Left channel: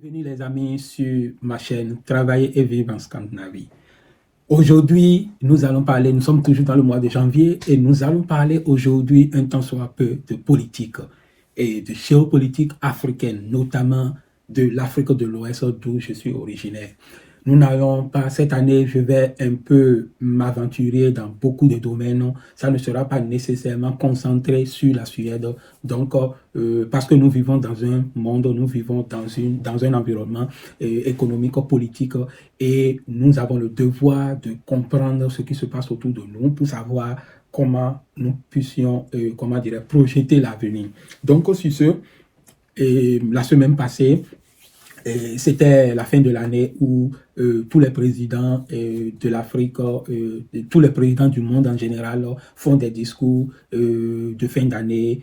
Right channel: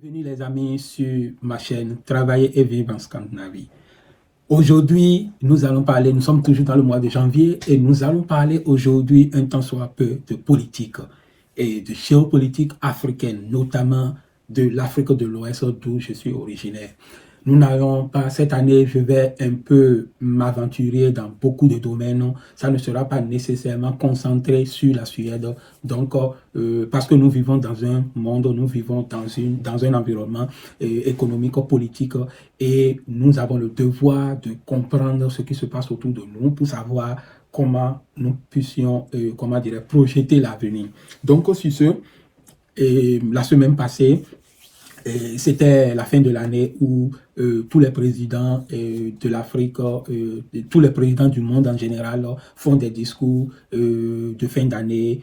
Bienvenue les amis sur ma chaîne Travailler et vivre en Scandinavie. Aujourd'hui, nous allons parler, nous sommes toujours dans le mois de janvier et nous allons parler aujourd'hui un tant soit peu de politique et de géopolitique africaine, notamment de l'Afrique de l'Ouest d'où je suis originaire. Nous n'allons pas, cette année, je vais un peu m'aventurer dans beaucoup de domaines. Ça ne sera pas nécessairement concentré sur la Suède. Donc, parce que nous vivons dans un monde, nous vivons dans un environnement économique, politique, et nous avons le devoir de comprendre ce qui se passe autour de nous pour savoir comment nous puissions, projeter l'avenir. Donc, sur ce, la semaine passée, c'était la fin de l'année où tous les présidents de l'Afrique, tous les présidents du monde en général font des discours de fin d'année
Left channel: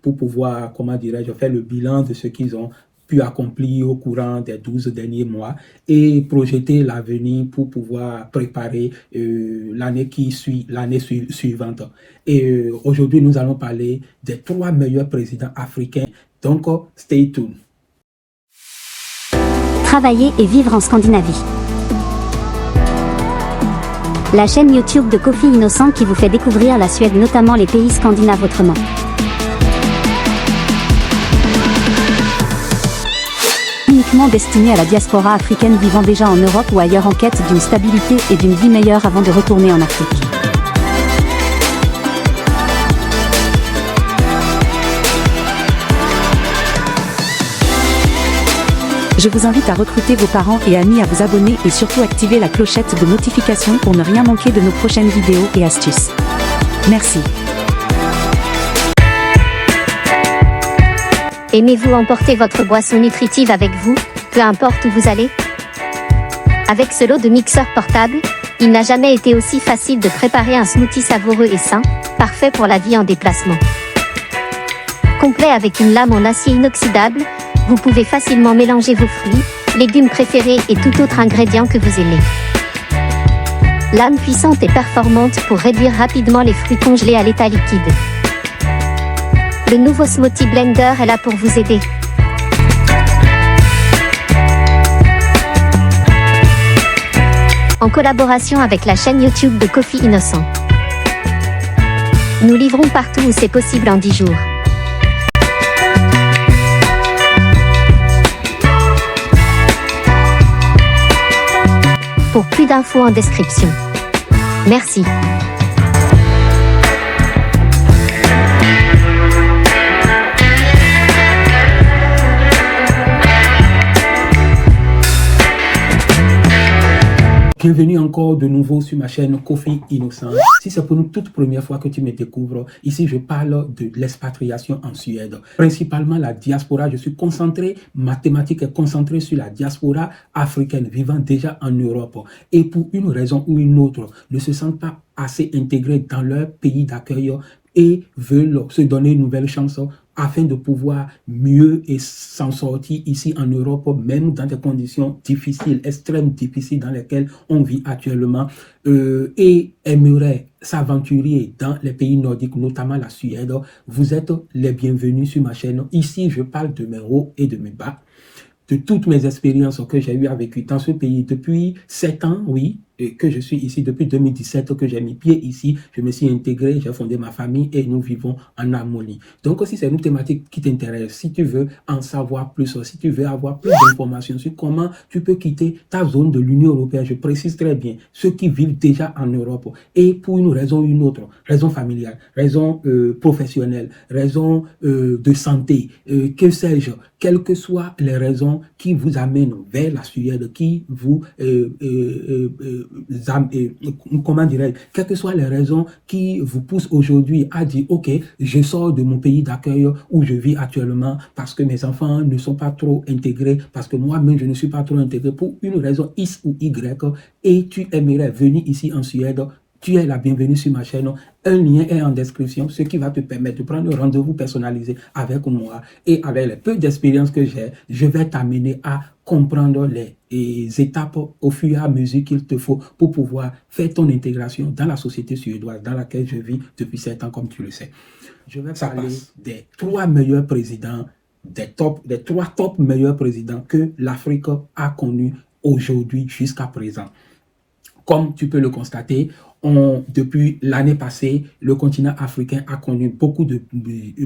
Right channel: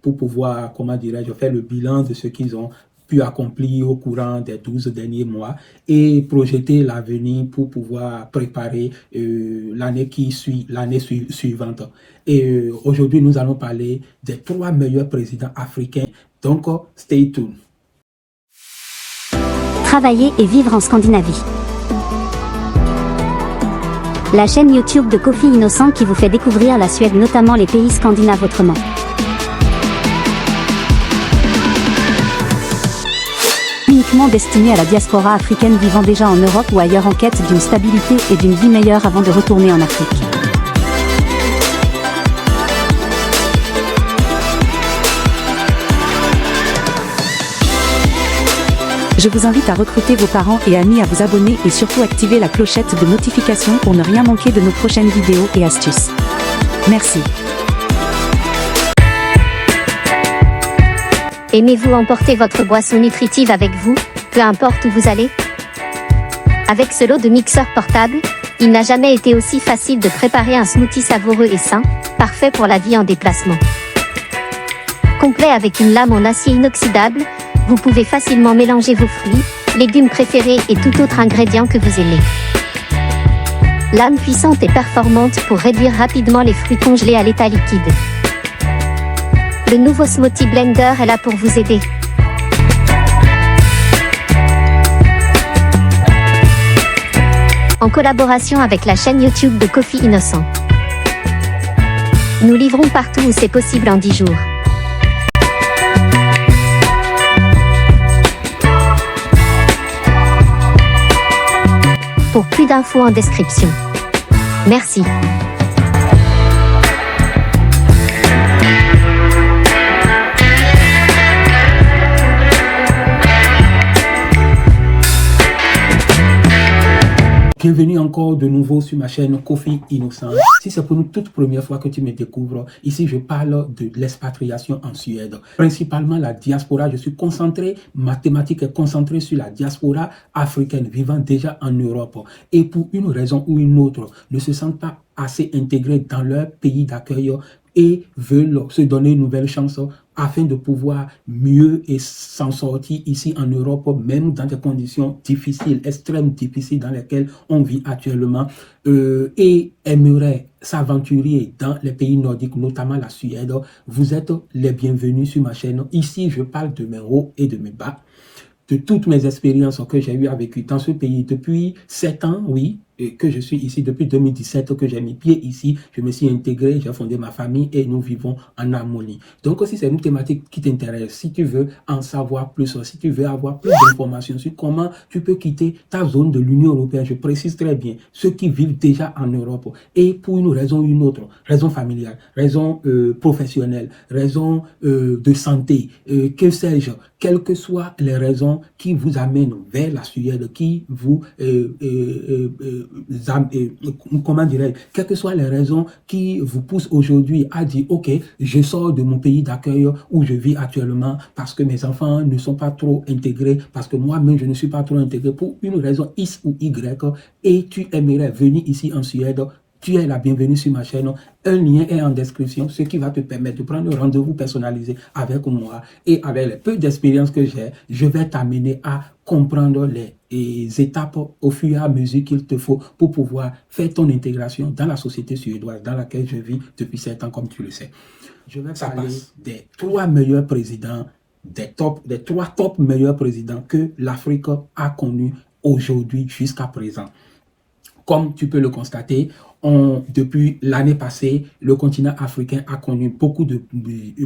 pour pouvoir, faire le bilan de ce qu'ils ont pu accomplir au courant des 12 derniers mois et projeter l'avenir pour pouvoir préparer l'année qui suit, l'année suivante. Et aujourd'hui, nous allons parler des 3 meilleurs présidents africains. Donc, stay tuned. Travailler et vivre en Scandinavie. La chaîne YouTube de Kofi Innocent qui vous fait découvrir la Suède, notamment les pays scandinaves autrement. Uniquement destiné à la diaspora africaine vivant déjà en Europe ou ailleurs en quête d'une stabilité et d'une vie meilleure avant de retourner en Afrique. Je vous invite à recruter vos parents et amis à vous abonner et surtout activer la clochette de notification pour ne rien manquer de nos prochaines vidéos et astuces. Merci. Aimez-vous emporter votre boisson nutritive avec vous, peu importe où vous allez? Avec ce lot de mixeurs portables, il n'a jamais été aussi facile de préparer un smoothie savoureux et sain, parfait pour la vie en déplacement. Complet avec une lame en acier inoxydable, vous pouvez facilement mélanger vos fruits, légumes préférés et tout autre ingrédient que vous aimez. Lame puissante et performante pour réduire rapidement les fruits congelés à l'état liquide. Le nouveau Smoothie Blender est là pour vous aider. En collaboration avec la chaîne YouTube de Kofi Innocent. Nous livrons partout où c'est possible en 10 jours. Pour plus d'infos en description. Merci. Bienvenue encore de nouveau sur ma chaîne Kofi Innocent. Si c'est pour une toute première fois que tu me découvres, ici je parle de l'expatriation en Suède. Principalement la diaspora, je suis concentré, ma thématique est concentrée sur la diaspora africaine vivant déjà en Europe. Et pour une raison ou une autre, ne se sentent pas assez intégrés dans leur pays d'accueil et veulent se donner une nouvelle chance afin de pouvoir mieux s'en sortir ici en Europe, même dans des conditions difficiles, extrêmement difficiles dans lesquelles on vit actuellement, et aimerait s'aventurer dans les pays nordiques, notamment la Suède. Vous êtes les bienvenus sur ma chaîne. Ici, je parle de mes hauts et de mes bas, de toutes mes expériences que j'ai eues à vécu dans ce pays depuis 7 ans, oui, et que je suis ici depuis 2017, que j'ai mis pied ici, je me suis intégré, j'ai fondé ma famille et nous vivons en harmonie. Donc si c'est une thématique qui t'intéresse, si tu veux en savoir plus, si tu veux avoir plus d'informations sur comment tu peux quitter ta zone de l'Union européenne, je précise très bien, ceux qui vivent déjà en Europe, et pour une raison ou une autre, raison familiale, raison professionnelle, raison de santé, que sais-je, quelles que soient les raisons qui vous amènent vers la Suède, qui vous quelles que soient les raisons qui vous poussent aujourd'hui à dire ok, je sors de mon pays d'accueil où je vis actuellement parce que mes enfants ne sont pas trop intégrés, parce que moi-même je ne suis pas trop intégré pour une raison X ou Y, et tu aimerais venir ici en Suède, tu es la bienvenue sur ma chaîne. Un lien est en description, ce qui va te permettre de prendre un rendez-vous personnalisé avec moi, et avec le peu d'expérience que j'ai, je vais t'amener à comprendre les étapes au fur et à mesure qu'il te faut pour pouvoir faire ton intégration dans la société suédoise dans laquelle je vis depuis 7 ans, comme tu le sais. Je vais parler des 3 meilleurs présidents des 3 top meilleurs présidents que l'Afrique a connus aujourd'hui jusqu'à présent. Comme tu peux le constater, depuis l'année passée, le continent africain a connu beaucoup de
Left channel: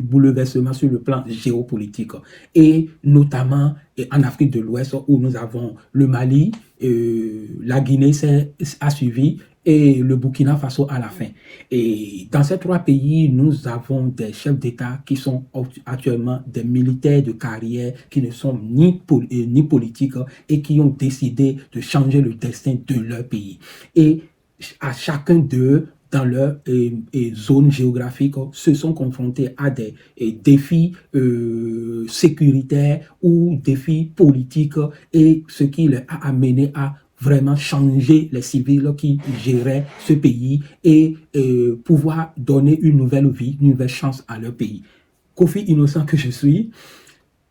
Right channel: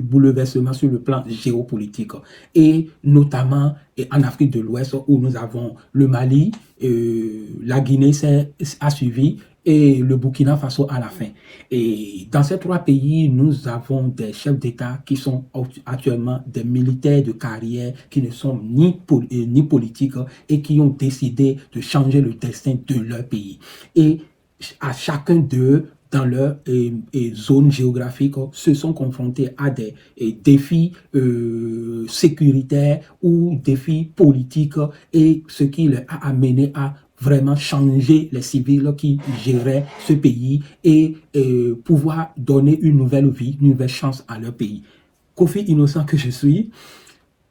bouleversements sur le plan géopolitique. Et notamment en Afrique de l'Ouest, où nous avons le Mali, la Guinée a suivi, et le Burkina Faso à la fin. Et dans ces 3 pays, nous avons des chefs d'État qui sont actuellement des militaires de carrière, qui ne sont ni politiques et qui ont décidé de changer le destin de leur pays. Et à chacun d'eux, dans leur zone géographique, se sont confrontés à des défis sécuritaires ou défis politiques, et ce qui les a amenés à vraiment changer les civils qui géraient ce pays et pouvoir donner une nouvelle vie, une nouvelle chance à leur pays. Kofi Innocent que je suis,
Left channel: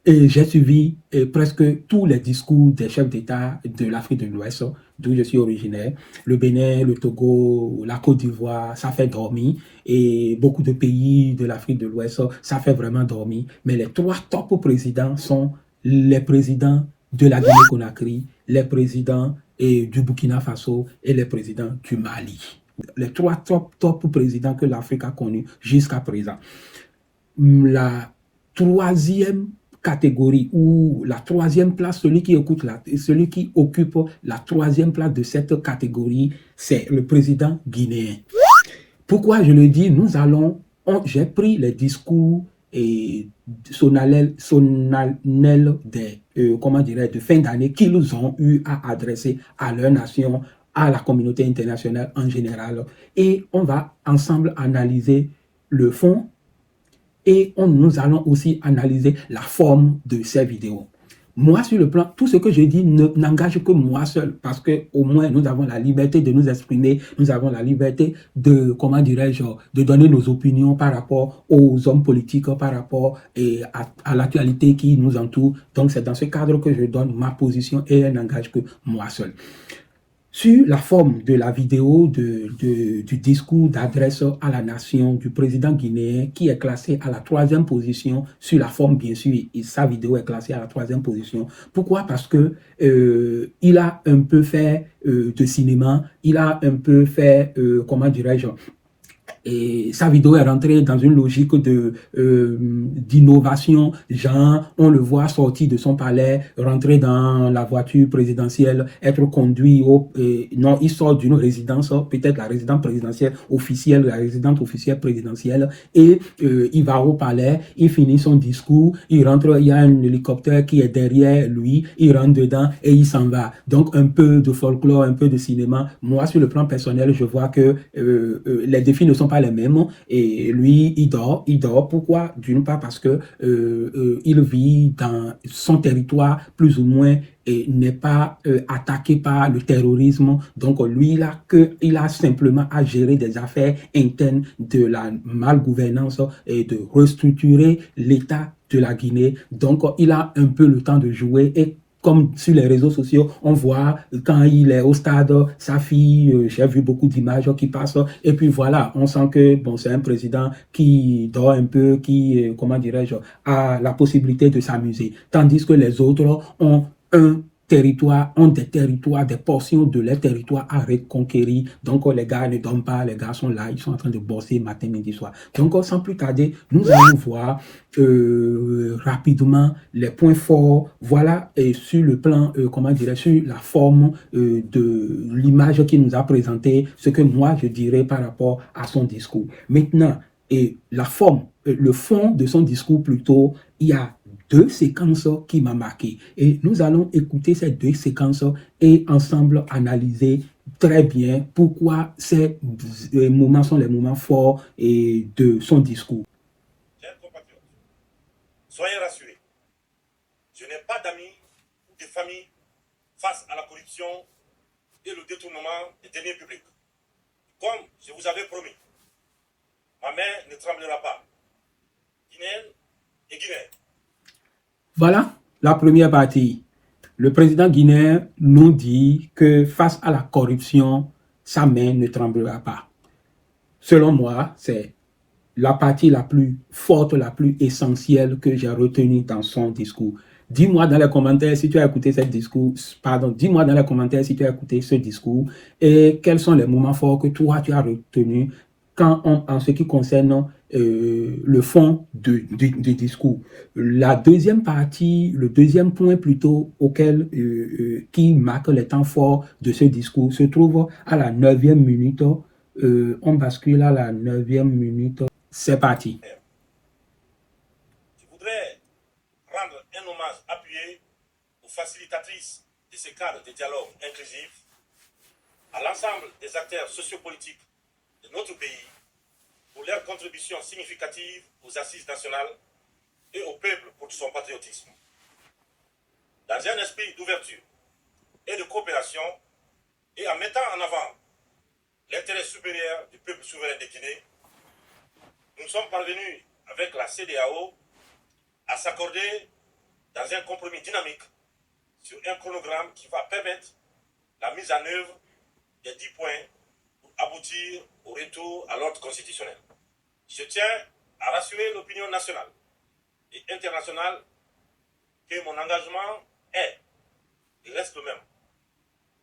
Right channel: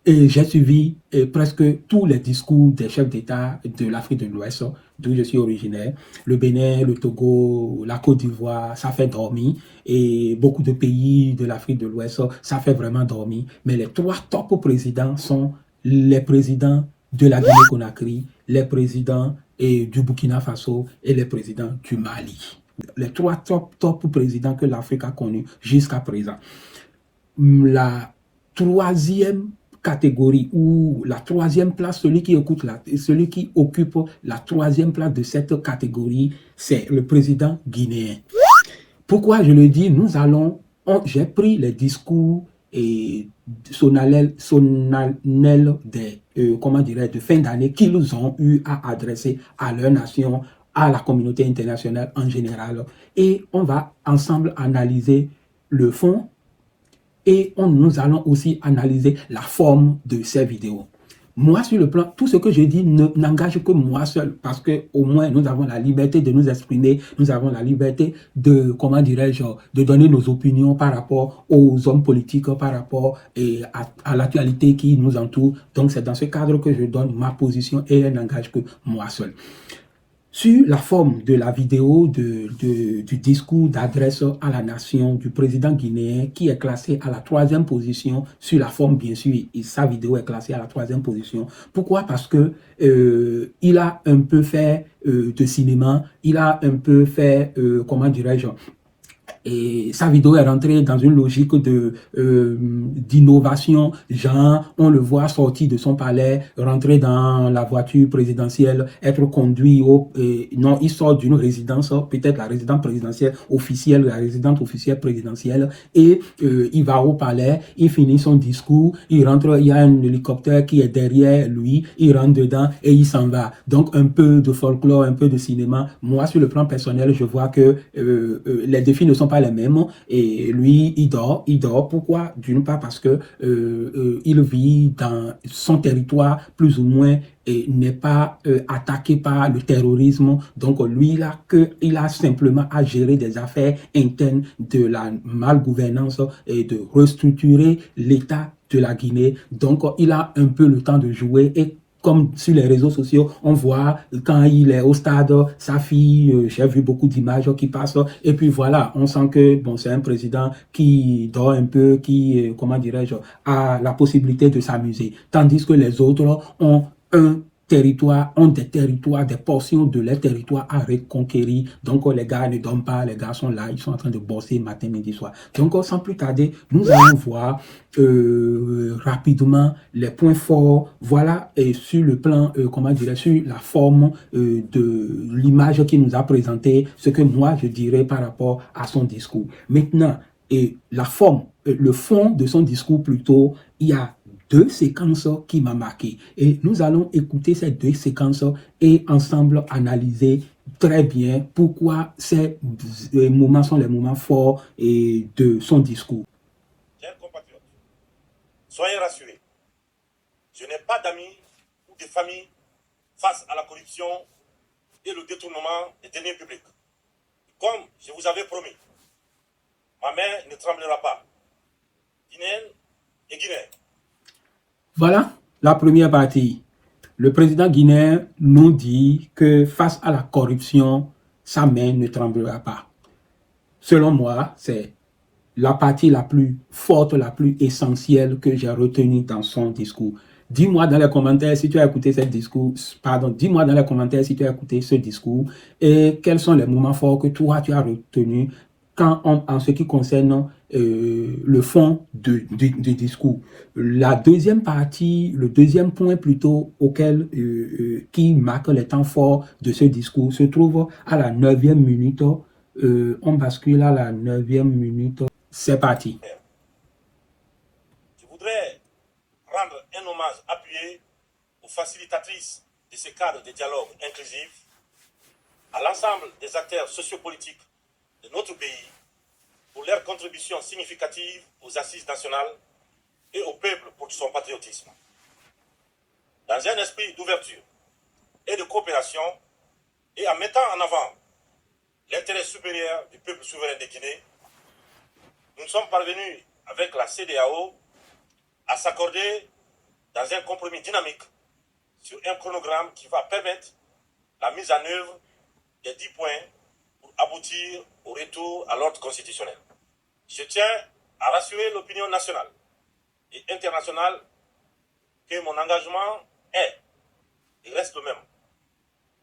j'ai suivi presque tous les discours des chefs d'État de l'Afrique de l'Ouest, d'où je suis originaire. Le Bénin, le Togo, la Côte d'Ivoire, ça fait dormir. Et beaucoup de pays de l'Afrique de l'Ouest, ça fait vraiment dormir. Mais les 3 top présidents sont les présidents de la Guinée-Conakry, les présidents du Burkina Faso et les présidents du Mali. Les 3 top présidents que l'Afrique a connus jusqu'à présent. La 3e catégorie ou la 3e place, celui qui occupe la 3e place de cette catégorie, c'est le président guinéen. Pourquoi je le dis? J'ai pris les discours solennels de fin d'année qu'ils ont eu à adresser à leur nation, à la communauté internationale en général. Et on va ensemble analyser le fond et nous allons aussi analyser la forme de ces vidéos. Moi, sur le plan, tout ce que je dis n'engage que moi seul, parce que au moins nous avons la liberté de nous exprimer, nous avons la liberté de, de donner nos opinions par rapport aux hommes politiques, par rapport à l'actualité qui nous entoure. Donc c'est dans ce cadre que je donne ma position et elle n'engage que moi seul. Sur la forme de la vidéo du discours d'adresse à la nation du président guinéen, qui est classé à la 3e position, sur la forme bien sûr, et sa vidéo est classée à la 3e position. Pourquoi? Parce que il a un peu fait de cinéma, il a un peu fait, et sa vidéo est rentrée dans une logique d'innovation, genre on le voit sortir de son palais, rentrer dans la voiture présidentielle, être conduit non, il sort d'une résidence, peut-être la résidence présidentielle officielle, la résidence officielle présidentielle, et il va au palais, il finit son discours, il rentre, il y a un hélicoptère qui est derrière lui, il rentre dedans et il s'en va. Donc un peu de folklore, un peu de cinéma. Moi, sur le plan personnel, je vois que les défis ne sont pas les mêmes, et lui il dort. Pourquoi? D'une part parce que il vit dans son territoire plus ou moins et n'est pas attaqué par le terrorisme. Donc lui il a simplement à gérer des affaires internes de la malgouvernance et de restructurer l'état de la Guinée. Donc il a un peu le temps de jouer, et comme sur les réseaux sociaux, on voit quand il est au stade, sa fille, j'ai vu beaucoup d'images qui passent, et puis voilà, on sent que bon, c'est un président qui dort un peu, qui, a la possibilité de s'amuser. Tandis que les autres ont des territoires, des portions de leur territoire à reconquérir. Donc les gars ne dorment pas, les gars sont là, ils sont en train de bosser matin, midi, soir. Donc sans plus tarder, nous allons voir rapidement les points forts, voilà, et sur le plan, sur la forme de l'image qu'il nous a présenté, ce que moi je dirais par rapport à son discours. Maintenant, la forme, le fond de son discours plutôt, il y a 2 séquences qui m'ont marqué. Et nous allons écouter ces 2 séquences et ensemble analyser très bien pourquoi ces moments sont les moments forts de son discours. Chers compatriotes, soyez rassurés. Je n'ai pas d'amis ou de famille face à la corruption et le détournement des deniers publics. Comme je vous avais promis, ma main ne tremblera pas. Guinéenne et Guinéen. Voilà la première partie. Le président guinéen nous dit que face à la corruption, sa main ne tremblera pas. Selon moi, c'est la partie la plus forte, la plus essentielle que j'ai retenue dans son discours. Dis-moi dans les commentaires si tu as écouté dis-moi dans les commentaires si tu as écouté ce discours et quels sont les moments forts que toi tu as retenus en ce qui concerne le fond du discours. La deuxième partie, le deuxième point plutôt qui marque les temps forts de ce discours se trouve à la 9e minute. On bascule à la 9e minute. C'est parti. Je voudrais rendre un hommage appuyé aux facilitatrices de ce cadre de dialogue inclusif, à l'ensemble des acteurs sociopolitiques de notre pays pour leur contribution significative aux assises nationales et au peuple pour son patriotisme. Dans un esprit d'ouverture et de coopération et en mettant en avant l'intérêt supérieur du peuple souverain de Guinée, nous sommes parvenus avec la CEDEAO à s'accorder dans un compromis dynamique sur un chronogramme qui va permettre la mise en œuvre des 10 points pour aboutir au retour à l'ordre constitutionnel. Je tiens à rassurer l'opinion nationale et internationale que mon engagement est et reste le même.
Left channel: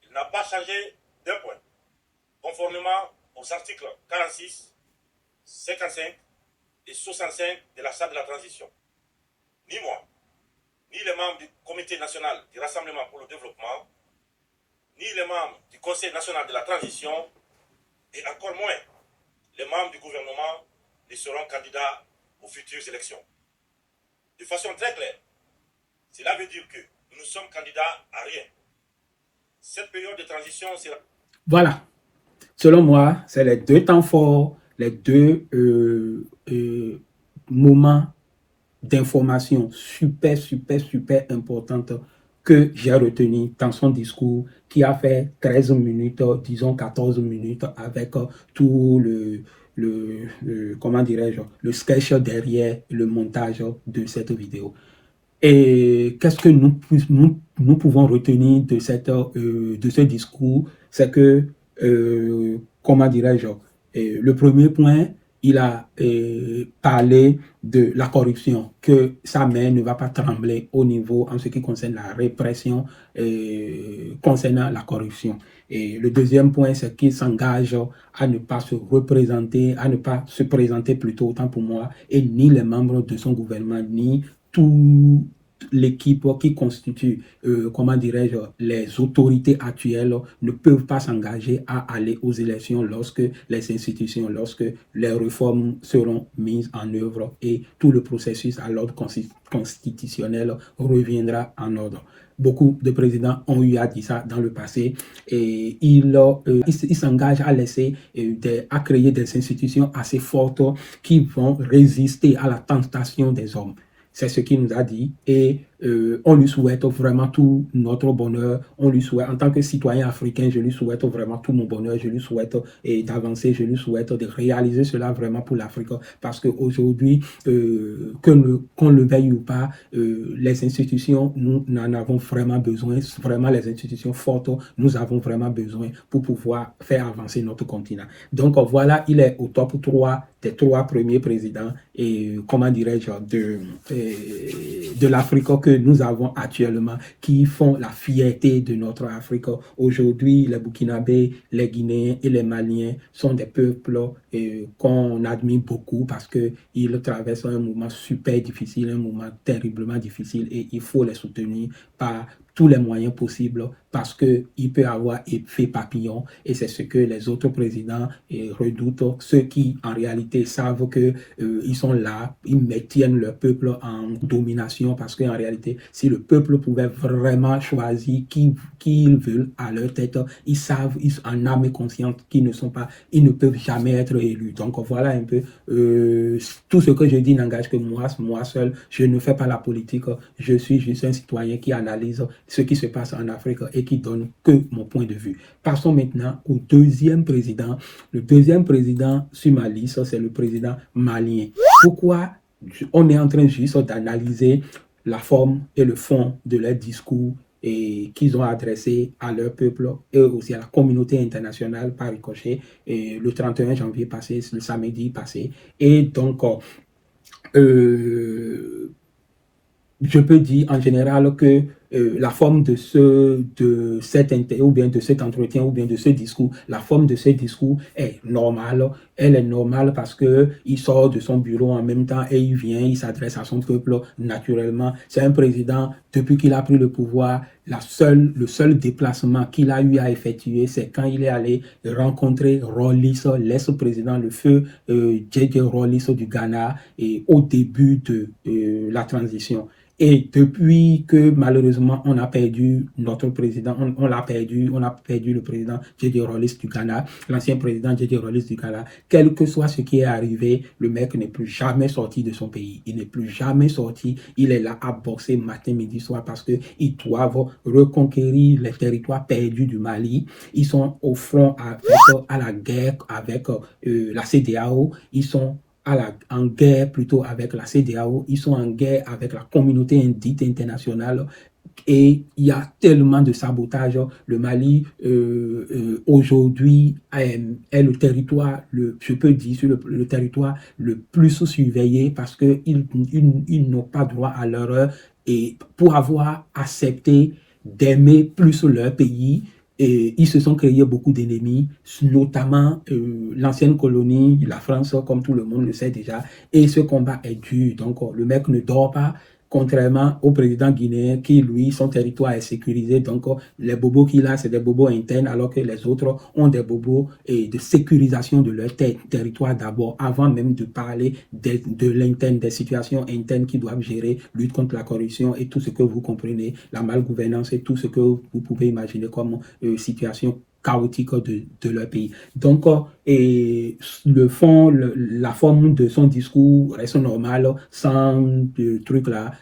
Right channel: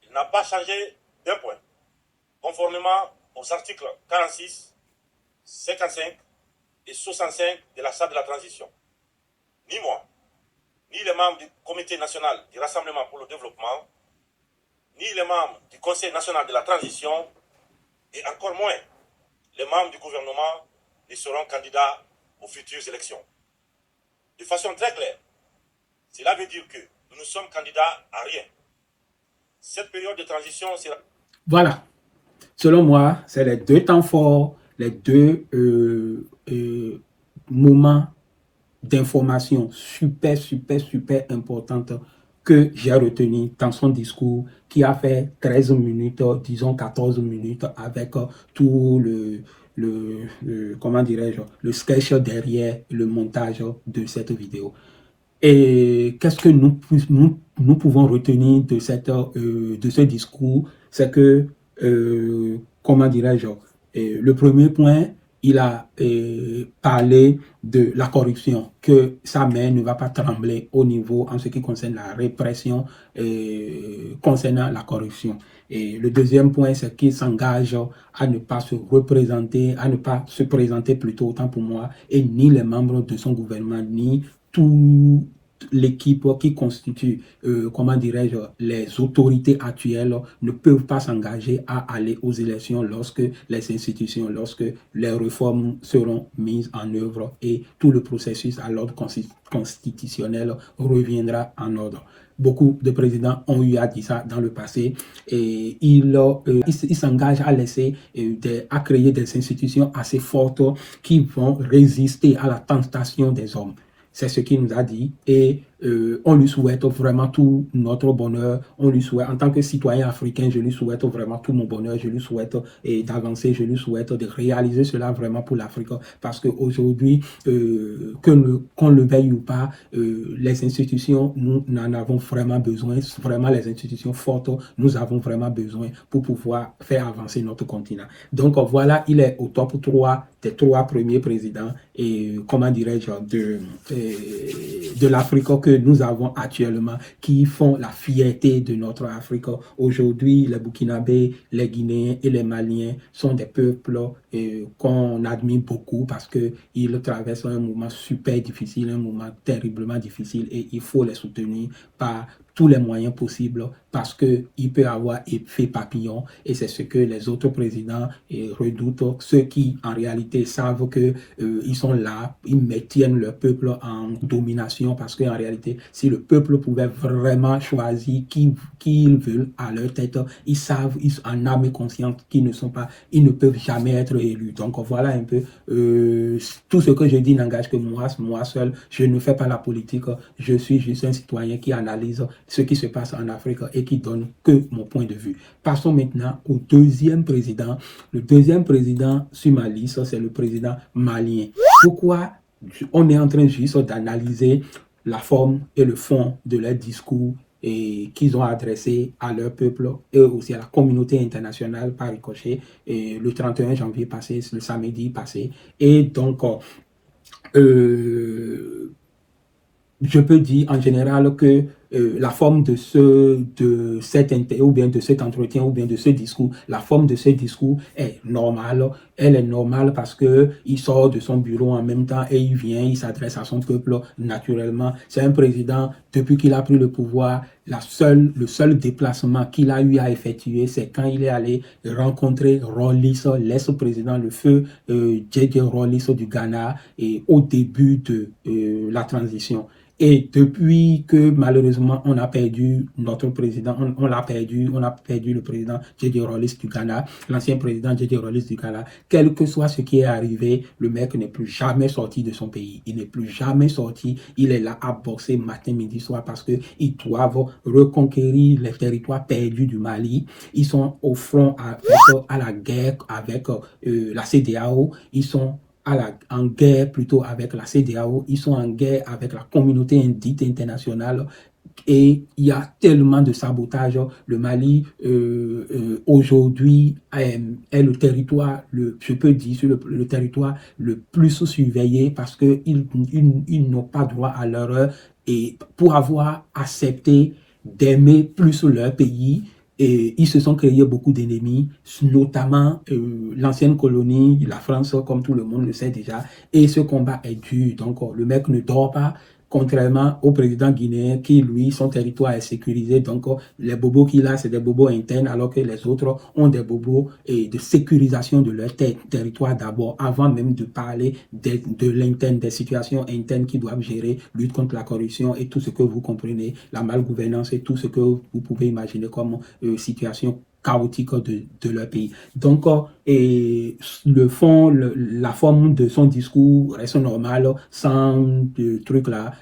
Il n'a pas changé d'un point, conformément aux articles 46, 55 et 65 de la Charte de la transition. Ni moi, ni les membres du Comité national du Rassemblement pour le développement, ni les membres du Conseil national de la transition, et encore moins les membres du gouvernement ne seront candidats aux futures élections. De façon très claire, cela veut dire que nous ne sommes candidats à rien. Cette période de transition sera... Voilà. Selon moi, c'est les deux temps forts, les deux moments d'information super importantes que j'ai retenu dans son discours qui a fait 13 minutes, disons 14 minutes avec tout comment dirais-je, le sketch derrière le montage de cette vidéo. Et qu'est-ce que nous pouvons retenir de ce discours? C'est que, comment dirais-je, le premier point, il a parlé de la corruption, que sa main ne va pas trembler au niveau en ce qui concerne la répression concernant la corruption. Et le deuxième point, c'est qu'il s'engage à ne pas se présenter plutôt, autant pour moi, et ni les membres de son gouvernement, ni toute l'équipe qui constitue, comment dirais-je, les autorités actuelles ne peuvent pas s'engager à aller aux élections lorsque les réformes seront mises en œuvre et tout le processus à l'ordre constitutionnel reviendra en ordre. Beaucoup de présidents ont eu à dire ça dans le passé et ils s'engagent à créer des institutions assez fortes qui vont résister à la tentation des hommes. C'est ce qu'il nous a dit et on lui souhaite vraiment tout notre bonheur. On lui souhaite, en tant que citoyen africain, je lui souhaite vraiment tout mon bonheur. Je lui souhaite d'avancer, je lui souhaite de réaliser cela vraiment pour l'Afrique. Parce qu'aujourd'hui, qu'on le veuille ou pas, les institutions, nous en avons vraiment besoin. Vraiment les institutions fortes, nous avons vraiment besoin pour pouvoir faire avancer notre continent. Donc voilà, il est au top 3 des 3 premiers présidents et comment dirais-je de l'Afrique que nous avons actuellement qui font la fierté de notre Afrique. Aujourd'hui, les Burkinabés, les Guinéens et les Maliens sont des peuples qu'on admire beaucoup parce qu'ils traversent un moment super difficile, un moment terriblement difficile et il faut les soutenir par tous les moyens possibles parce qu'il peut avoir effet papillon et c'est ce que les autres présidents redoutent, ceux qui en réalité savent qu'ils sont là, ils tiennent le peuple en domination parce qu'en réalité, si le peuple pouvait vraiment choisir qui ils veulent à leur tête, ils savent, en âme et conscience qu'ils ne peuvent jamais être élus. Donc voilà un peu, tout ce que je dis n'engage que moi seul, je ne fais pas la politique, je suis juste un citoyen qui analyse ce qui se passe en Afrique et qui donne que mon point de vue. Passons maintenant au deuxième président. Le deuxième président sur ma liste, c'est le président malien. Pourquoi on est en train juste d'analyser la forme et le fond de leur discours et qu'ils ont adressé à leur peuple et aussi à la communauté internationale par ricochet le 31 janvier passé, le samedi passé. Et donc, je peux dire en général que la forme de cet ou bien de cet entretien ou bien de ce discours, la forme de ce discours est normale. Elle est normale parce que il sort de son bureau en même temps et il vient, il s'adresse à son peuple naturellement. C'est un président, depuis qu'il a pris le pouvoir, le seul déplacement qu'il a eu à effectuer, c'est quand il est allé rencontrer Rawlings, l'ex-président, le feu J.J. Rawlings du Ghana, et au début de la transition. Et depuis que malheureusement on a perdu notre président, on a perdu le président J.J. Rawlings du Ghana, l'ancien président J.J. Rawlings du Ghana, quel que soit ce qui est arrivé, le mec n'est plus jamais sorti de son pays. Il n'est plus jamais sorti. Il est là à bosser matin, midi, soir parce qu'ils doivent reconquérir les territoires perdus du Mali. Ils sont au front à la guerre avec la CEDEAO. Ils sont en guerre plutôt avec la CEDEAO, ils sont en guerre avec la communauté dite internationale et il y a tellement de sabotage. Le Mali aujourd'hui est le territoire, je peux dire, le territoire le plus surveillé parce qu'ils n'ont pas droit à l'erreur et pour avoir accepté d'aimer plus leur pays. Et ils se sont créés beaucoup d'ennemis, notamment l'ancienne colonie, la France, comme tout le monde le sait déjà. Et ce combat est dur. Donc, le mec ne dort pas, contrairement au président guinéen qui, lui, son territoire est sécurisé. Donc, les bobos qu'il a, c'est des bobos internes, alors que les autres ont des bobos de sécurisation de leur territoire d'abord, avant même de parler de l'interne, des situations internes qu'ils doivent gérer, lutte contre la corruption et tout ce que vous comprenez, la malgouvernance et tout ce que vous pouvez imaginer comme situation chaotique de leur pays. Donc, le fond, la forme de son discours reste normale, sans truc là,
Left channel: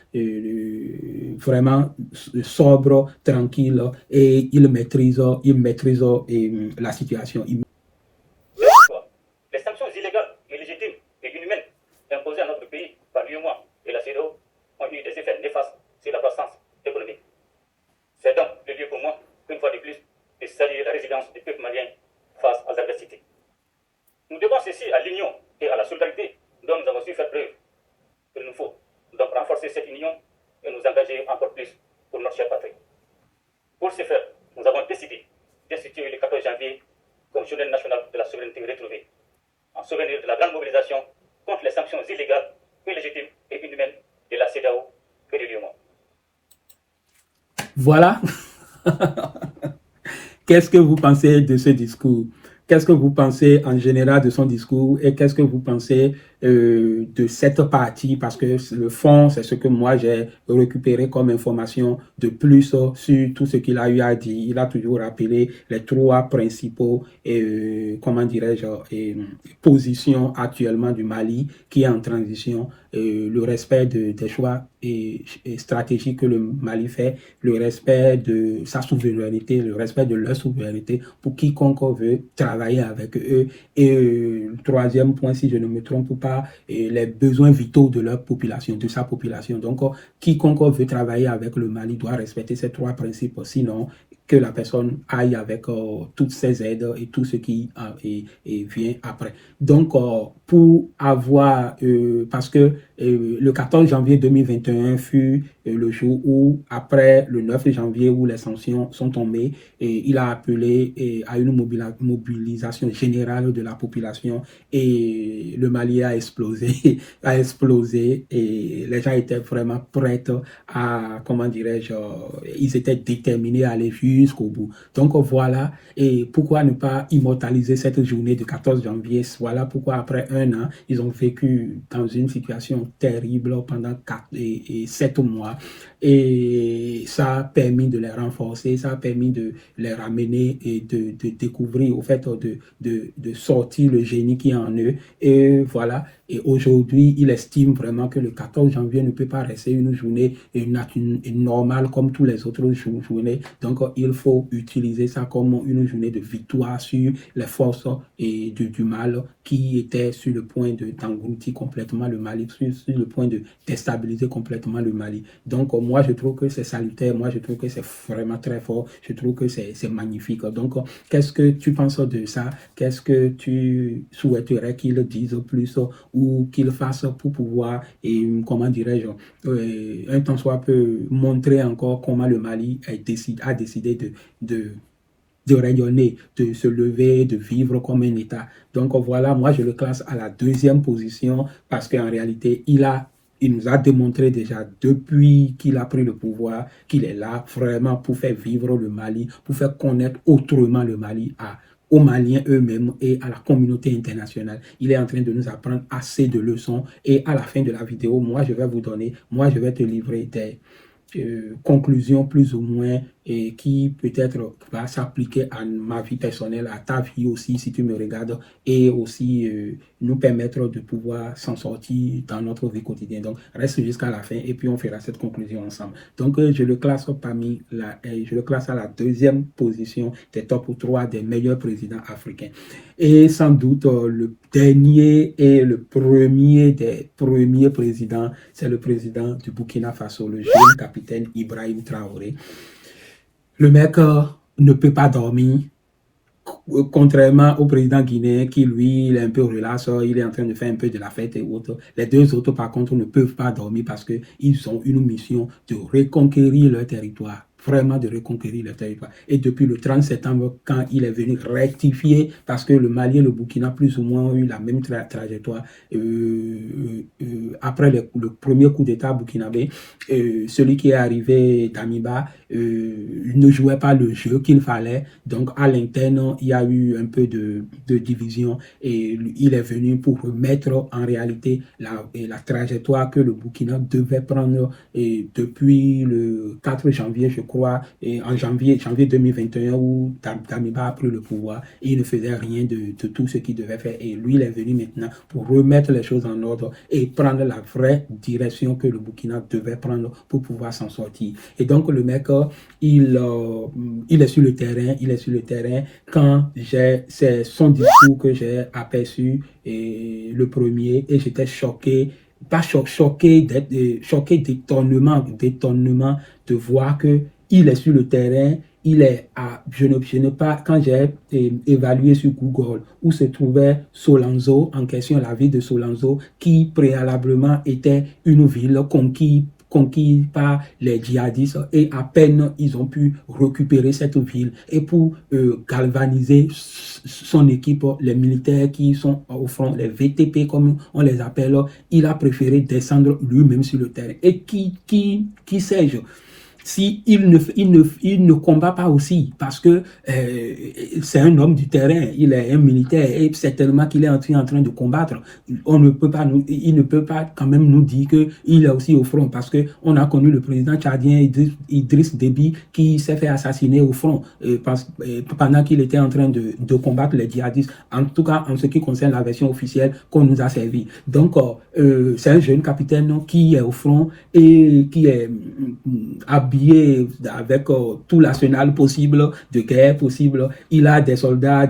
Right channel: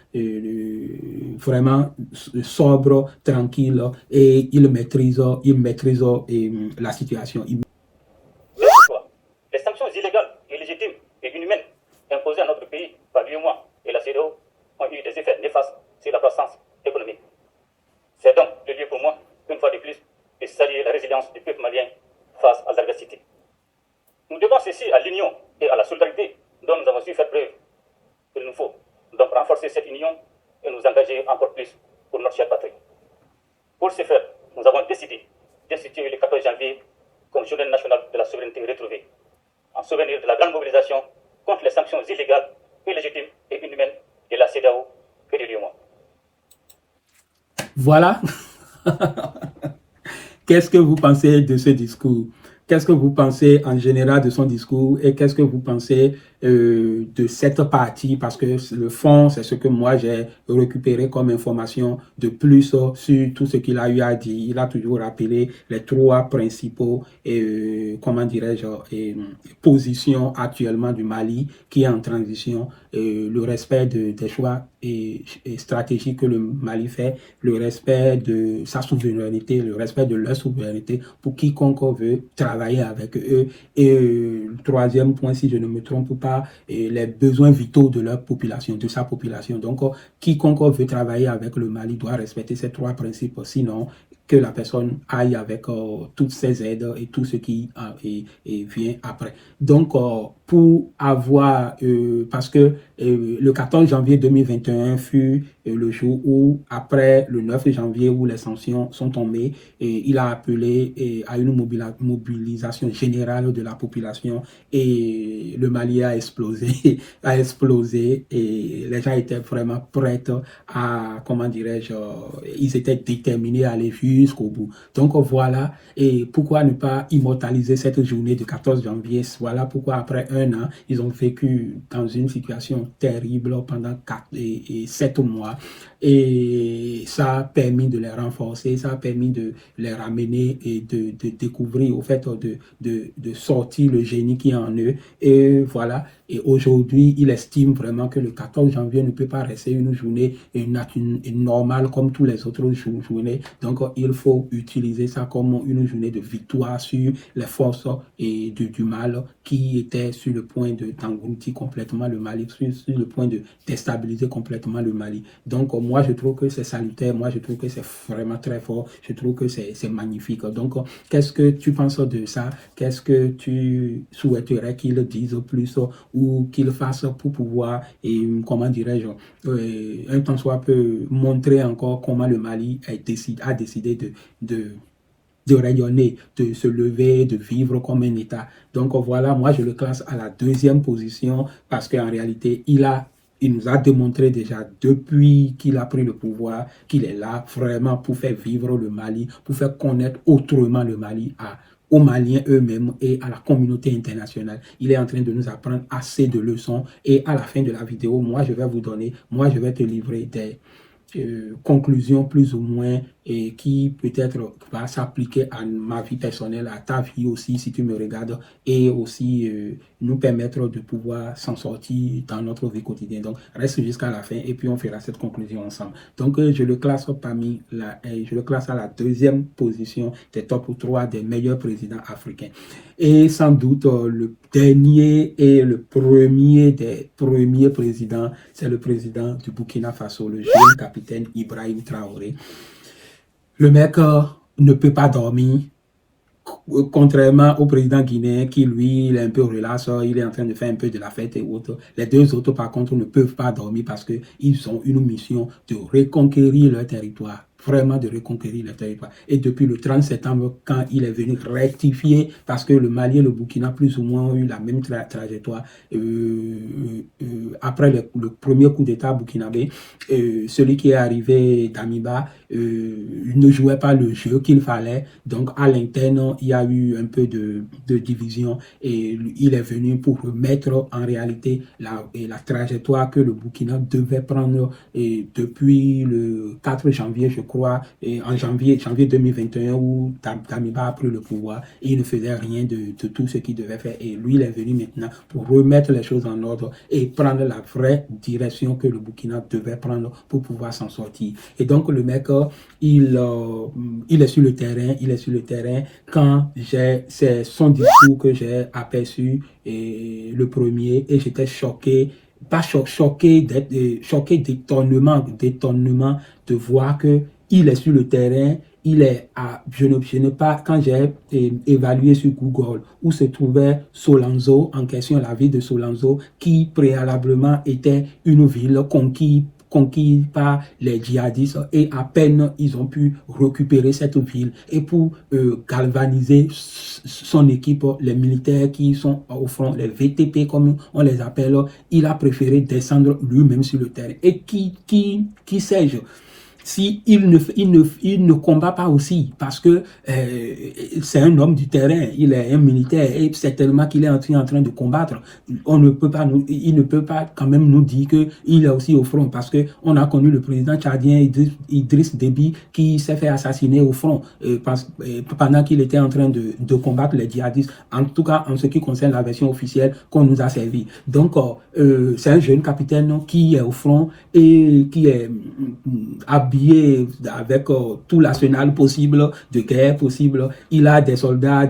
vraiment sobre, tranquille, et il maîtrise la situation. Les sanctions illégales, illégitimes et inhumaines imposées à notre pays par l'UEMOA et la CEDEAO ont eu des effets néfastes sur la croissance économique. C'est donc le lieu pour moi, une fois de plus, de saluer la résilience du peuple malien face aux adversités. Nous devons ceci à l'union et à la solidarité dont nous avons su faire preuve. Il nous faut donc renforcer cette union et nous engager encore plus pour notre chère patrie. Pour ce faire, nous avons décidé d'instituer le 14 janvier comme journée nationale de la souveraineté retrouvée, en souvenir de la grande mobilisation contre les sanctions illégales, illégitimes et inhumaines de la CEDEAO et de l'UEMOA. Voilà. Qu'est-ce que vous pensez de ce discours? Qu'est-ce que vous pensez en général de son discours et qu'est-ce que vous pensez de cette partie? Parce que le fond, c'est ce que moi j'ai récupéré comme information de plus sur tout ce qu'il a eu à dire. Il a toujours rappelé les trois principaux, comment dirais-je, positions actuellement du Mali qui est en transition, le respect des choix et stratégiques que le Mali fait, le respect de sa souveraineté, le respect de leur souveraineté pour quiconque veut travailler avec eux. Et le troisième point, si je ne me trompe pas, les besoins vitaux de leur population, de sa population. Donc, quiconque veut travailler avec le Mali doit respecter ces trois principes, sinon que la personne aille avec toutes ses aides et tout ce qui vient après. Donc, pour avoir, parce que le 14 janvier 2021 fut le jour où, après le 9 janvier où les sanctions sont tombées, et il a appelé à une mobilisation générale de la population et le Mali a explosé, et les gens étaient vraiment prêts à, comment dirais-je, ils étaient déterminés à aller jusqu'au bout. Donc voilà, et pourquoi ne pas immortaliser cette journée du 14 janvier? Voilà pourquoi après un an, ils ont vécu dans une situation terrible pendant 7 mois. Et ça a permis de les renforcer, ça a permis de les ramener et de découvrir, au fait, de sortir le génie qui est en eux. Et voilà. Et aujourd'hui, il estime vraiment que le 14 janvier ne peut pas rester une journée normale comme tous les autres journées. Donc, il il faut utiliser ça comme une journée de victoire sur les forces du mal qui étaient sur le point d'engloutir complètement le Mali, sur le point de déstabiliser complètement le Mali. Donc moi je trouve que c'est salutaire, moi je trouve que c'est vraiment très fort, je trouve que c'est magnifique. Donc qu'est-ce que tu penses de ça? Qu'est-ce que tu souhaiterais qu'ils disent plus ou qu'ils fassent pour pouvoir, et comment dirais-je, un tant soit peu montrer encore comment le Mali a décidé de rayonner, de se lever, de vivre comme un État. Donc voilà, moi je le classe à la deuxième position parce qu'en réalité, il nous a démontré déjà depuis qu'il a pris le pouvoir qu'il est là vraiment pour faire vivre le Mali, pour faire connaître autrement le Mali aux Maliens eux-mêmes et à la communauté internationale. Il est en train de nous apprendre assez de leçons et à la fin de la vidéo, moi je vais te livrer des conclusions plus ou moins et qui peut-être va s'appliquer à ma vie personnelle, à ta vie aussi si tu me regardes et aussi nous permettre de pouvoir s'en sortir dans notre vie quotidienne. Donc reste jusqu'à la fin et puis on fera cette conclusion ensemble. Donc je le classe je le classe à la deuxième position des top 3 des meilleurs présidents africains. Et sans doute le dernier et le premier des premiers présidents, c'est le président du Burkina Faso, le jeune capitaine Ibrahim Traoré. Le mec ne peut pas dormir, contrairement au président guinéen qui, lui, il est un peu relax, il est en train de faire un peu de la fête et autres. Les deux autres, par contre, ne peuvent pas dormir parce qu'ils ont une mission de reconquérir leur territoire. Vraiment de reconquérir le territoire. Et depuis le 30 septembre, quand il est venu rectifier, parce que le Mali et le Burkina plus ou moins ont eu la même trajectoire, après le premier coup d'État burkinabé, celui qui est arrivé d'Amiba ne jouait pas le jeu qu'il fallait. Donc à l'interne, il y a eu un peu de division et il est venu pour remettre en réalité la trajectoire que le Burkina devait prendre depuis le 4 janvier, je crois, et en janvier 2021 où Damiba a pris le pouvoir et il ne faisait rien de tout ce qu'il devait faire. Et lui, il est venu maintenant pour remettre les choses en ordre et prendre la vraie direction que le Burkina devait prendre pour pouvoir s'en sortir. Et donc le mec, il est sur le terrain, quand c'est son discours que j'ai aperçu le premier et j'étais choqué, pas choqué d'étonnement de voir que il est sur le terrain. Il est quand j'ai évalué sur Google où se trouvait Solanzo, en question la ville de Solanzo, qui préalablement était une ville conquise par les djihadistes et à peine ils ont pu récupérer cette ville et pour galvaniser son équipe, les militaires qui sont au front, les VTP comme on les appelle, il a préféré descendre lui-même sur le terrain. Et qui sais-je? Si il ne combat pas aussi, parce que c'est un homme du terrain, il est un militaire et certainement qu'il est en train de combattre. Il ne peut pas quand même nous dire qu'il est aussi au front, parce qu'on a connu le président tchadien Idriss Déby qui s'est fait assassiner au front pendant qu'il était en train de combattre les djihadistes, en tout cas en ce qui concerne la version officielle qu'on nous a servi. Donc c'est un jeune capitaine qui est au front et qui est habillé avec tout l'arsenal possible, de guerre possible. Il a des soldats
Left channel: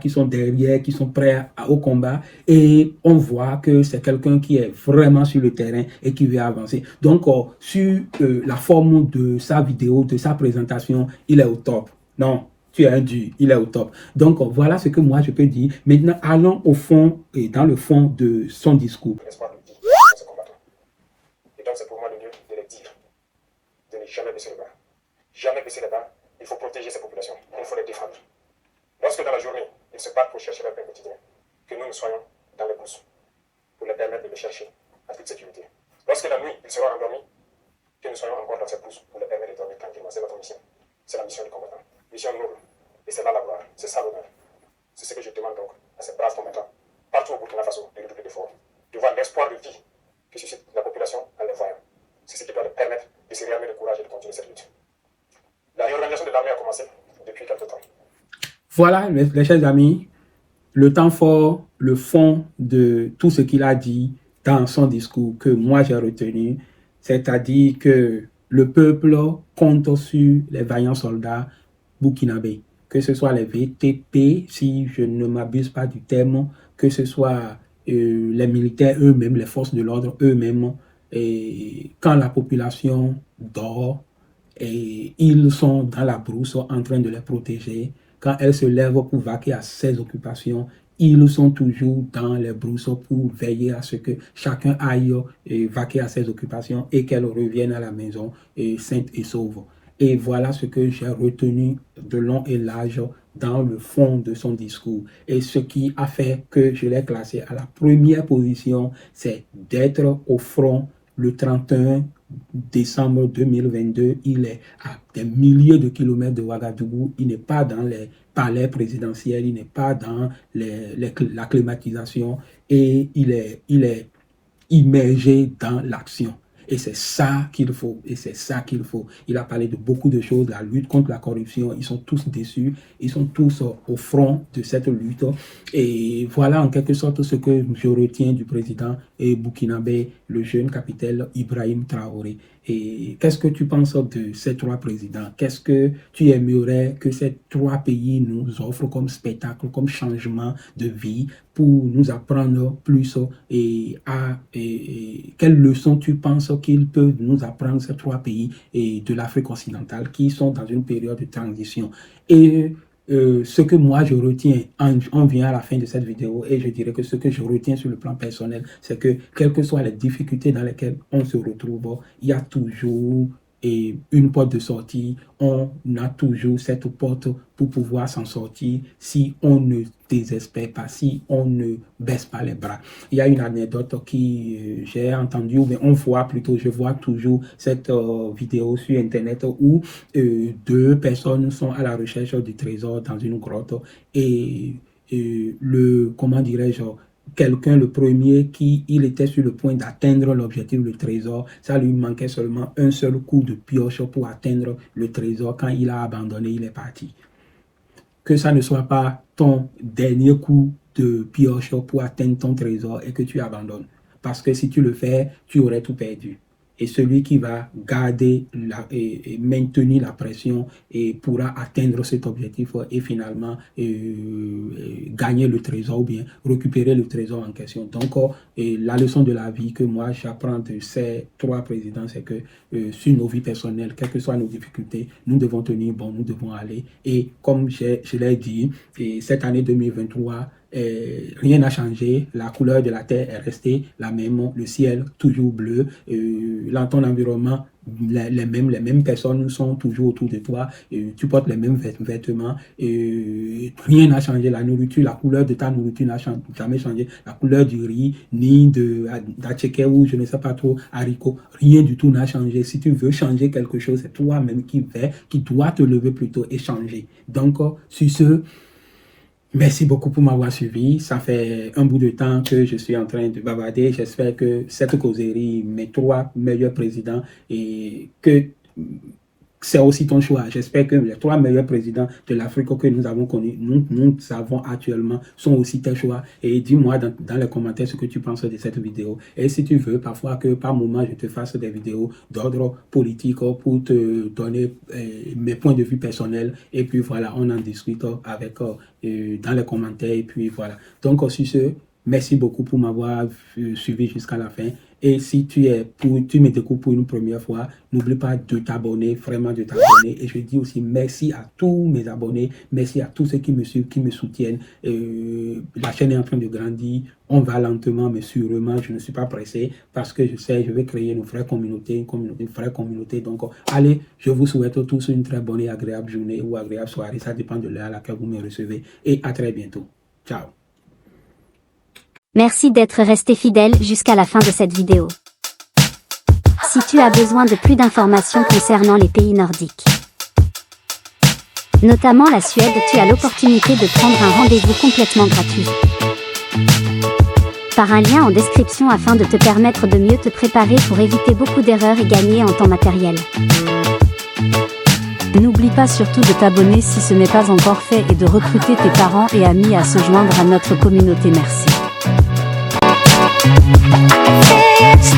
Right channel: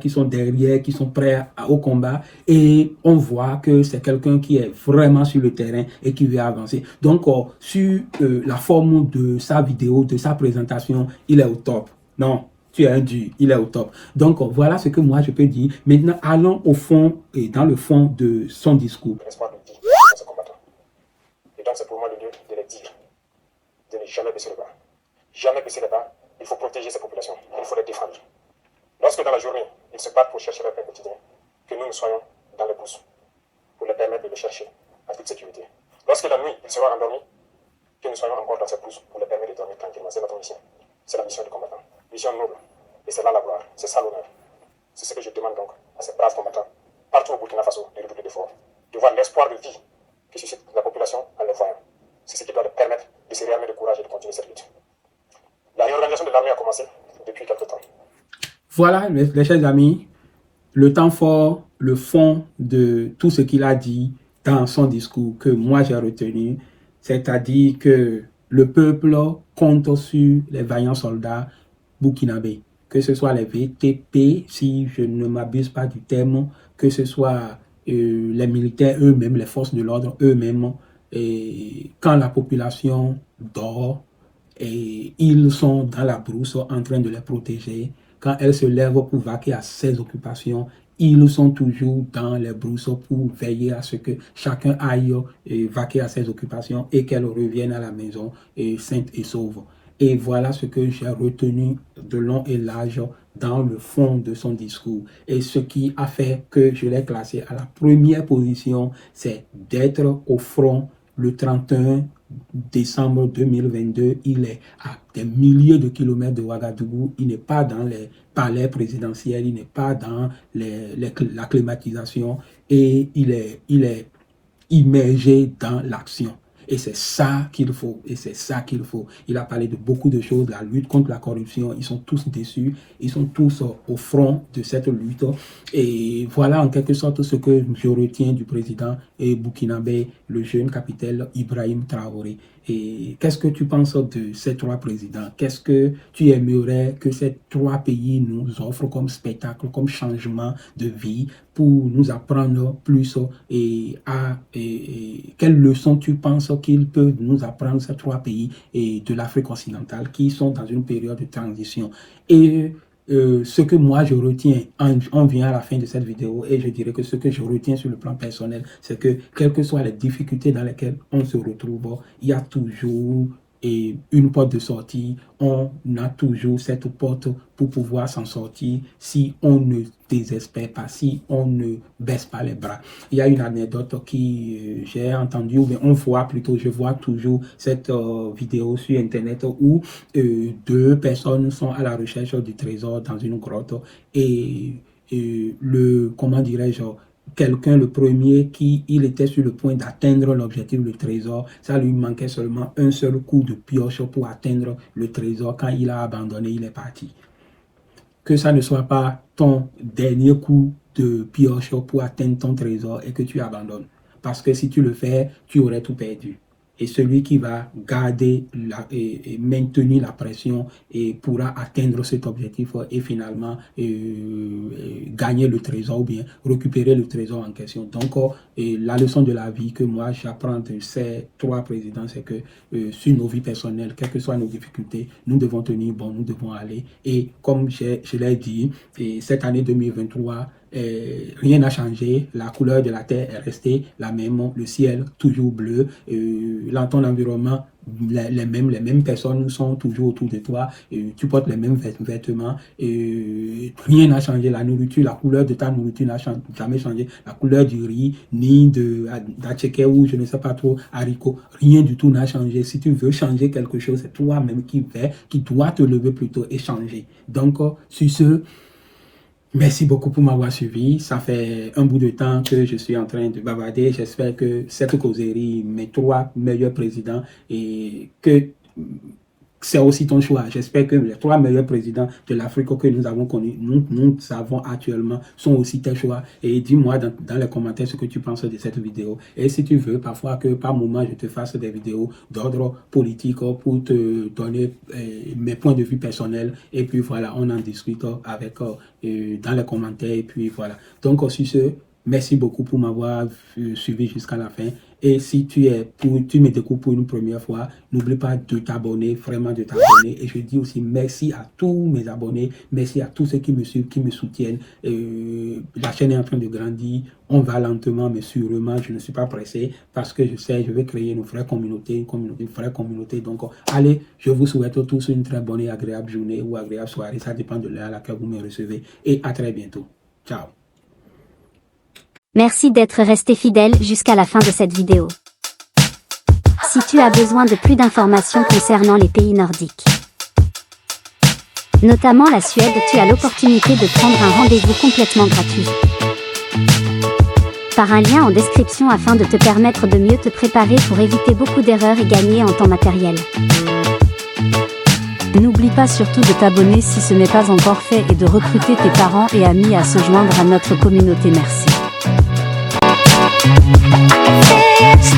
qui sont derrière, qui sont prêts au combat. Et on voit que c'est quelqu'un qui est vraiment sur le terrain et qui veut avancer. Donc, sur la forme de sa vidéo, de sa présentation, il est au top. Non, tu as dit, il est au top. Donc, voilà ce que moi je peux dire. Maintenant, allons au fond et dans le fond de son discours. Et donc, c'est pour moi le lieu de les dire. De ne jamais baisser le bas. Jamais baisser le bas. Il faut protéger ces populations. Il faut les défendre. Lorsque dans la journée, ils se battent pour chercher leur pain quotidien, que nous soyons dans les bourses pour les permettre de le chercher en toute sécurité. Lorsque la nuit, ils seront endormis, que nous soyons encore dans ces bourses pour les permettre de dormir tranquillement. C'est notre mission. C'est la mission du combattant. Mission noble. Et c'est là la gloire. C'est ça l'honneur. C'est ce que je demande donc à ces braves combattants, partout au Burkina Faso, de redoubler d'efforts, de voir l'espoir de vie que suscite la population en les voyant. C'est ce qui doit leur permettre de se réarmer de courage et de continuer cette lutte. La réorganisation de l'armée a commencé depuis quelque temps. Voilà, mes chers amis, le temps fort, le fond de tout ce qu'il a dit dans son discours que moi j'ai retenu, c'est-à-dire que le peuple compte sur les vaillants soldats burkinabés, que ce soit les VTP, si je ne m'abuse pas du terme, que ce soit les militaires eux-mêmes, les forces de l'ordre eux-mêmes, et quand la population dort, et ils sont dans la brousse en train de les protéger. Quand elle se lève pour vaquer à ses occupations, ils sont toujours dans les brousses pour veiller à ce que chacun aille vaquer à ses occupations et qu'elle revienne à la maison sainte et sauve. Et voilà ce que j'ai retenu de long et large dans le fond de son discours. Et ce qui a fait que je l'ai classé à la première position, c'est d'être au front le 31 décembre 2022, il est à des milliers de kilomètres de Ouagadougou, il n'est pas dans les palais présidentiels, il n'est pas dans la climatisation et il est immergé dans l'action. Et c'est ça qu'il faut, et c'est ça qu'il faut. Il a parlé de beaucoup de choses, la lutte contre la corruption, ils sont tous déçus, ils sont tous au front de cette lutte. Et voilà en quelque sorte ce que je retiens du président burkinabé, le jeune capitaine Ibrahim Traoré. Et qu'est-ce que tu penses de ces trois présidents? Qu'est-ce que tu aimerais que ces trois pays nous offrent comme spectacle, comme changement de vie pour nous apprendre plus et quelles leçons tu penses qu'ils peuvent nous apprendre, ces trois pays de l'Afrique occidentale qui sont dans une période de transition? Et ce que moi je retiens, on vient à la fin de cette vidéo et je dirais que ce que je retiens sur le plan personnel, c'est que quelles que soient les difficultés dans lesquelles on se retrouve, il y a toujours une porte de sortie, on a toujours cette porte pour pouvoir s'en sortir si on ne désespère pas, si on ne baisse pas les bras. Il y a une anecdote qui j'ai entendue, ou bien on voit plutôt, je vois toujours cette vidéo sur internet où deux personnes sont à la recherche du trésor dans une grotte et comment dirais-je, quelqu'un, le premier, il était sur le point d'atteindre l'objectif du trésor. Ça lui manquait seulement un seul coup de pioche pour atteindre le trésor. Quand il a abandonné, il est parti. Que ça ne soit pas ton dernier coup de pioche pour atteindre ton trésor et que tu abandonnes. Parce que si tu le fais, tu aurais tout perdu. Et celui qui va garder et maintenir la pression et pourra atteindre cet objectif et finalement gagner le trésor ou bien récupérer le trésor en question. Donc, la leçon de la vie que moi j'apprends de ces trois présidents, c'est que sur nos vies personnelles, quelles que soient nos difficultés, nous devons tenir bon, nous devons aller. Et comme je l'ai dit, cette année 2023, rien n'a changé, la couleur de la terre est restée la même, le ciel toujours bleu, dans ton environnement, les mêmes personnes sont toujours autour de toi, tu portes les mêmes vêtements, rien n'a changé, la nourriture, la couleur de ta nourriture n'a jamais changé, la couleur du riz, ni d'atcheke ou je ne sais pas trop, haricot, rien du tout n'a changé. Si tu veux changer quelque chose, c'est toi-même qui dois te lever plutôt et changer. Donc, sur ce, merci beaucoup pour m'avoir suivi. Ça fait un bout de temps que je suis en train de bavarder. J'espère que cette causerie, mes trois meilleurs présidents, et que c'est aussi ton choix. J'espère que les trois meilleurs présidents de l'Afrique que nous avons connus, nous avons actuellement, sont aussi tes choix. Et dis-moi dans les commentaires ce que tu penses de cette vidéo. Et si tu veux, parfois que par moment, je te fasse des vidéos d'ordre politique pour te donner mes points de vue personnels. Et puis voilà, on en discute avec dans les commentaires. Et puis voilà. Donc, aussi ce, merci beaucoup pour m'avoir suivi jusqu'à la fin. Et si tu me découvres pour une première fois, n'oublie pas de t'abonner, vraiment de t'abonner. Et je dis aussi merci à tous mes abonnés, merci à tous ceux qui me suivent, qui me soutiennent. La chaîne est en train de grandir, on va lentement mais sûrement, je ne suis pas pressé parce que je sais, je vais créer une vraie communauté, une vraie communauté. Donc allez, je vous souhaite tous une très bonne et agréable journée ou agréable soirée, ça dépend de l'heure à laquelle vous me recevez. Et à très bientôt. Ciao. Merci d'être resté fidèle jusqu'à la fin de cette vidéo. Si tu as besoin de plus d'informations concernant les pays nordiques, notamment la Suède, tu as l'opportunité de prendre un rendez-vous complètement gratuit par un lien en description afin de te permettre de mieux te préparer pour éviter beaucoup d'erreurs et gagner en temps matériel. N'oublie pas surtout de t'abonner si ce n'est pas encore fait et de recruter tes parents et amis à se joindre à notre communauté. Merci.